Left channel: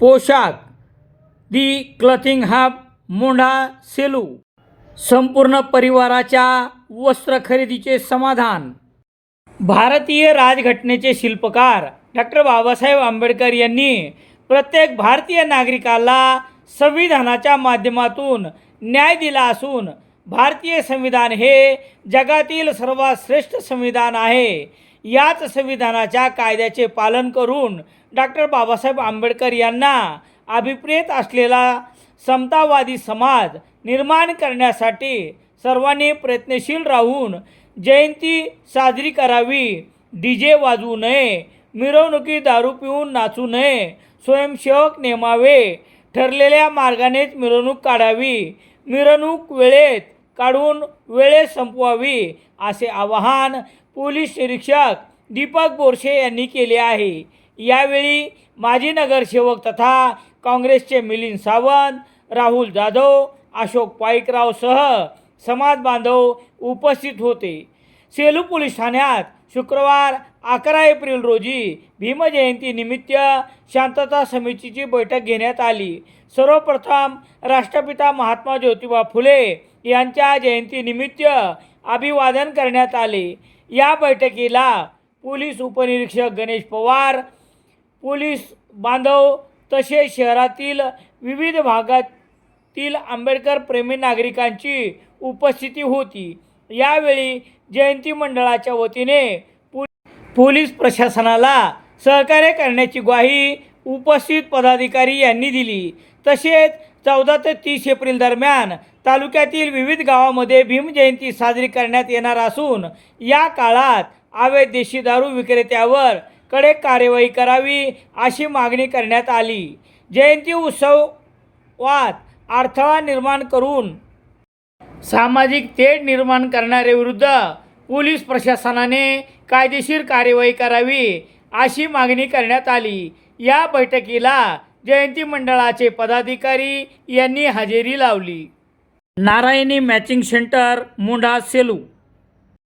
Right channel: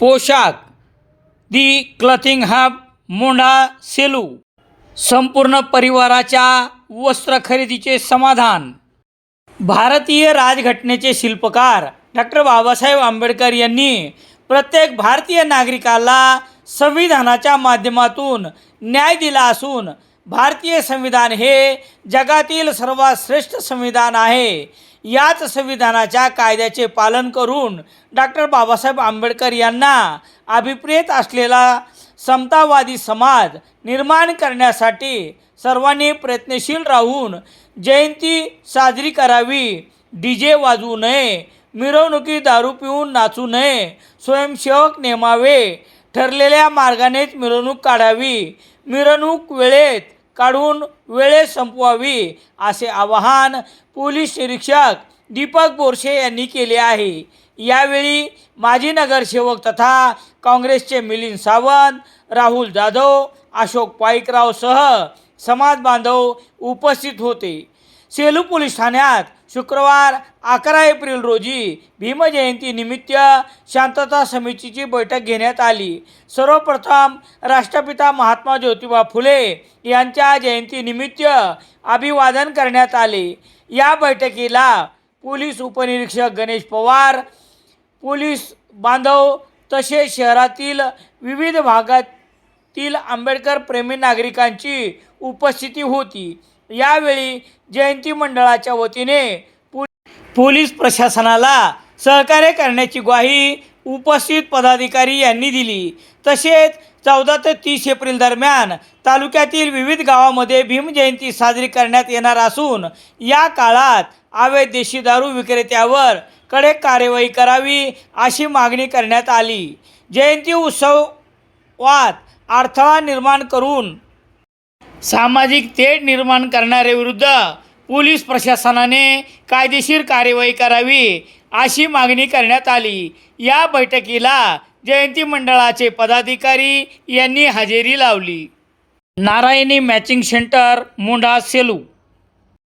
पोशाख. The clothing hub Mondha Selu. संपूर्ण परिवाराच्या वस्त्र खरेदीचे समाधान. भारतीय राजघटनेचे शिल्पकार डॉक्टर बाबासाहेब आंबेडकर यांनी प्रत्येक भारतीय नागरिकाला संविधानाच्या माध्यमातून न्याय दिला असून भारतीय संविधान हे जगातील सर्वात श्रेष्ठ संविधान आहे. याच संविधानाच्या कायद्याचे पालन करून डॉक्टर बाबासाहेब आंबेडकर यांना अभिप्रेत असलेला समतावादी समाज निर्माण करण्यासाठी सर्वांनी प्रयत्नशील राहून जयंती साजरी करावी. डी जे वाजवू नये मिरवणुकी दारू पिऊन नाचू नये स्वयंसेवक नेमावे ठरलेल्या मार्गानेच मिरवणूक काढावी. मिरवणूक वेळेत काढून वेळेत संपवावी असे आवाहन पोलीस निरीक्षक दीपक बोरसे यांनी केले आहे. यावेळी माजी नगरसेवक तथा काँग्रेसचे मिलिंद सावंत राहुल जाधव अशोक पाईकरावसह समाज बांधव उपस्थित होते. सेलू पोलीस ठाण्यात शुक्रवार अकरा एप्रिल रोजी भीमजयंतीनिमित्त शांतता समितीची बैठक घेण्यात आली. सर्वप्रथम राष्ट्रपिता महात्मा ज्योतिबा फुले यांच्या जयंतीनिमित्त अभिवादन करण्यात आले. या बैठकीला पोलीस उपनिरीक्षक गणेश पवार पोलीस बांधव तसेच शहरातील विविध भागातील आंबेडकर प्रेमी नागरिकांची उपस्थिती होती. यावेळी जयंती मंडळाच्या वतीने पोलीस प्रशासनाला सहकार्य करण्याची ग्वाही उपस्थित पदाधिकारी यांनी दिली. तसेच चौदा ते तीस एप्रिल दरम्यान तालुक्यातील विविध गावामध्ये भीमजयंती साजरी करण्यात येणार असून या काळात अवैध देशी दारू विक्रेत्यावर कडक कार्यवाही करावी अशी मागणी करण्यात आली. जयंती उत्सवात अडथळा निर्माण करून सामाजिक तेढ निर्माण करणाऱ्याविरुद्ध पोलीस प्रशासनाने कायदेशीर कार्यवाही करावी अशी मागणी करण्यात आली. या बैठकीला जयंती मंडळाचे पदाधिकारी यांनी हजेरी लावली. Narayani matching centre Mondha Selu